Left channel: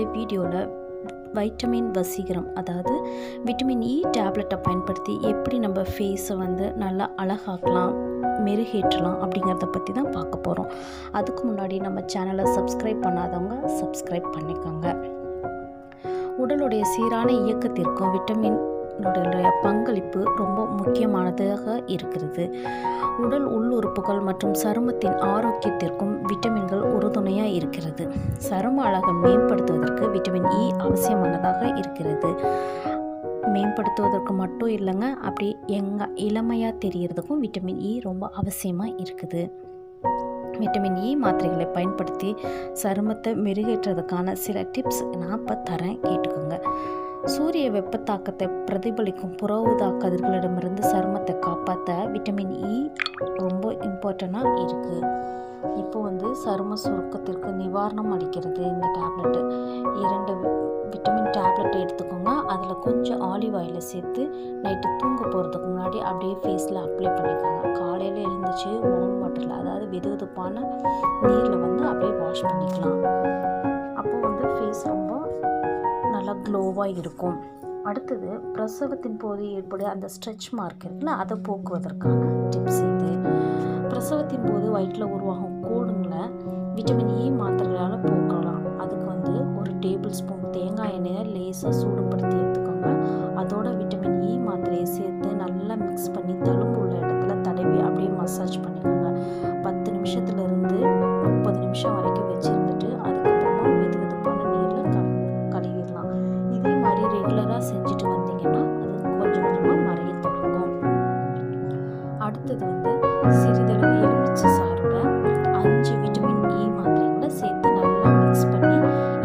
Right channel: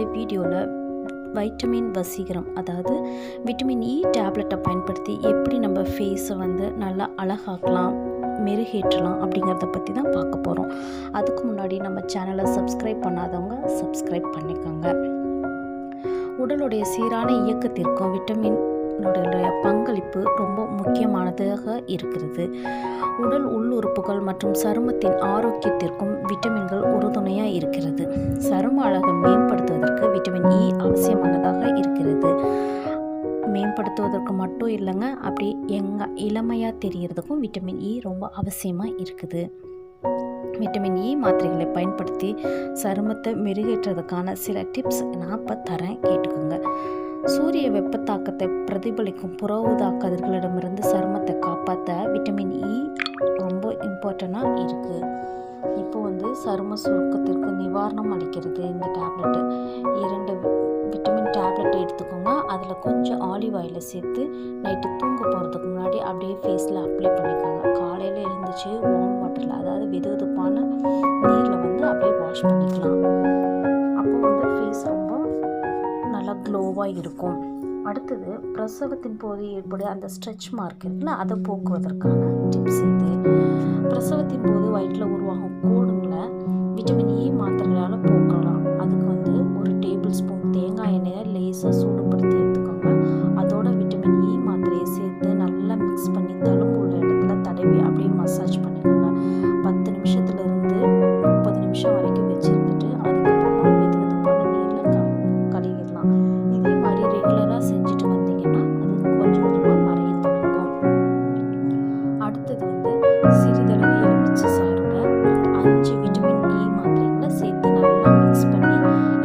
இந்த வீடியோவில் வைட்டமின் வசீகரம், அதாவது விட்டமின் இ டேப்லெட்டை பயன்படுத்தி எப்படி நம்ம ஃபேஸை நல்லா அழகாக்கலாம், மெருகேற்றலாம் அப்படிங்கிறத பற்றி தான் பார்க்க போகிறோம். அதுக்கு முன்னாடி நம்ம சேனலை சப்ஸ்கிரைப் பண்ணாதவங்க சப்ஸ்கிரைப் பண்ணிக்கோங்க. உடலுடைய சீரான இயக்கத்திற்கும் விட்டமினுடைய பங்களிப்பு ரொம்ப முக்கியமானதாக இருக்கிறது. உடல் உள்ளுறுப்புகள் மற்றும் சருமத்தின் ஆரோக்கியத்திற்கும் விட்டமின்கள் உறுதுணையாக இருக்கிறது. சரும அழகை மேம்படுத்துவதற்கு விட்டமின் இ அவசியமானதாக இருக்கிறது. மேம்படுத்துவதற்கு மட்டும் இல்லைங்க, அப்படி இளமையாக தெரியறதுக்கும் விட்டமின் இ ரொம்ப அவசியமாக இருக்குது. விட்டமின் இ மாத்திரைகளை பயன்படுத்தி சருமத்தை மெருகேற்றதுக்கான சில டிப்ஸ் நான் இப்போ தரேன், கேட்டுக்கோங்க. சூரிய வெப்பத்தாக்கத்தை பிரதிபலிக்கும் புற ஊதா கதிர்களிடமிருந்து சருமத்தை காப்பாற்ற விட்டமின் இ ரொம்ப இம்பார்ட்டண்ட்டாக இருக்குது. இப்போ சரும சுருக்கத்திற்கு நிவாரணம் அளிக்கிறது இந்த டேப்லெட்டு. 2 விட்டமின் டேப்லெட் எடுத்துக்கோங்க. அதில் கொஞ்சம் ஆலிவ் ஆயிலை சேர்த்து நைட்டு தூங்க போகிறதுக்கு முன்னாடி அப்படியே ஃபேஸில் அப்ளை பண்ணிக்கோங்க. காலையில் எழுந்துச்சு வார்ம் வாட்டரில், அதாவது வெதுவெதுப்பான நீரில் அப்படியே வாஷ் பண்ணிக்கலாம். அப்போது ஃபேஸ் ரொம்ப நல்லா க்ளோவாக இருக்கும். அடுத்தது, பிரசவத்தின் போது ஏற்படும் அந்த ஸ்ட்ரெச் மார்க் இருக்குல்ல, அதை போக்குவதற்கான டிப்ஸ் இது. பிரசவத்தின் போது வயிற்றில் உருவாகும் கோடுங்களை விட்டமின் இ மாத்திரையால் போக்கலாம். அதுக்கு ஒரு டேபிள் ஸ்பூன் தேங்காய் எண்ணெயை லேசாக சூடுபடுத்தி எடுத்துக்கோங்க. அதோட விட்டமின் இ மாத்திரையை சேர்த்து நல்லா மிக்ஸ் பண்ணி தழும்பு உள்ள இடத்துல தடவி அப்படியே மசாஜ் பண்ணிக்கோங்க. 10 நிமிஷத்துலேருந்து 30 நிமிஷம் வரைக்கும் வச்சுருந்துட்டு அதுக்கப்புறமா வெதுவெதுப்பான நீரில் கழுவிடலாம். இதே மாதிரி ரெகுலராக செஞ்சுட்டு வந்தீங்கன்னா அது கொஞ்சம் கொஞ்சமாக மறைய தொடங்கும். அடுத்தது சிறிதளவு எலுமிச்சை சாரோட 5 விட்டமின் இ மாத்திரைகளை சேர்த்து நல்லா மிக்ஸ் பண்ணி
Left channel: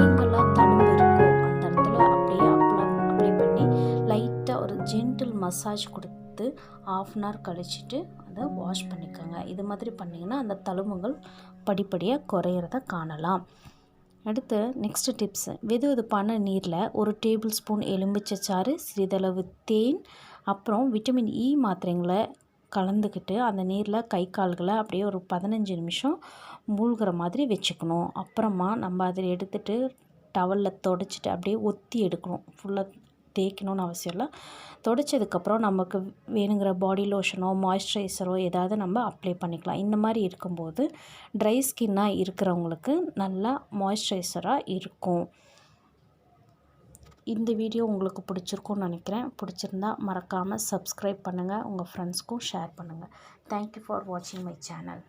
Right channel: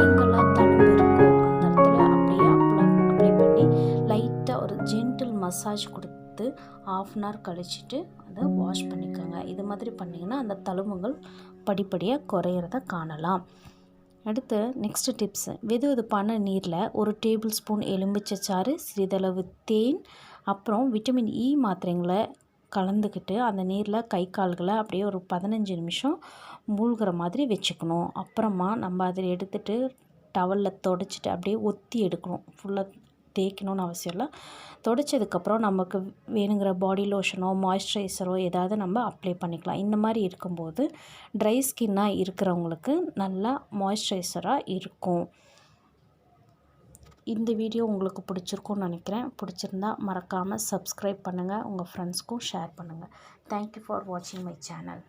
எங்கெல்லாம் தழும்பு இருக்கோ அந்த இடத்துல அப்படியே அப்ளை பண்ணி லைட்டாக ஒரு ஜென்டில் மசாஜ் கொடுத்து 1/2 hour கழிச்சிட்டு அதை வாஷ் பண்ணிக்கோங்க. இது மாதிரி பண்ணிங்கன்னா அந்த தழும்புகள் படிப்படியாக குறையிறத காணலாம். அடுத்து நெக்ஸ்ட் டிப்ஸ், வெதுவெதுப்பான நீரில் 1 டேபிள் ஸ்பூன் எலுமிச்சை சாறு, சிறிதளவு தேன், அப்புறம் விட்டமின் இ மாத்திரைங்களை கலந்துக்கிட்டு அந்த நீரில் கை கால்களை அப்படியே ஒரு 15 நிமிஷம் மூழ்கிற மாதிரி வச்சுக்கணும். அப்புறமா நம்ம அதை எடுத்துகிட்டு டவலில் தொடச்சிட்டு அப்படியே ஒத்தி எடுக்கணும். ஃபுல்லாக தேய்க்கணும்னு அவசியம் இல்லை. தொடச்சதுக்கப்புறம் நமக்கு வேணுங்கிற பாடி லோஷனோ மாய்ஸ்சரைசரோ ஏதாவது நம்ம அப்ளை பண்ணிக்கலாம். இந்த மாதிரி இருக்கும்போது ட்ரை ஸ்கின்னாக இருக்கிறவங்களுக்கு நல்லா மாய்ஸ்சரைசராக இருக்கும். இந்த வீடியோ உங்களுக்கு பிடிச்சிருக்கும்னு நினைக்கிறேன். பிடிச்சிருந்தா மறக்காமல் சப்ஸ்கிரைப் பண்ணுங்கள், உங்கள் ஃப்ரெண்ட்ஸ்க்கும் ஷேர் பண்ணுங்கள். தேங்க்யூ ஃபார் வாட்சிங் மை சேனல்.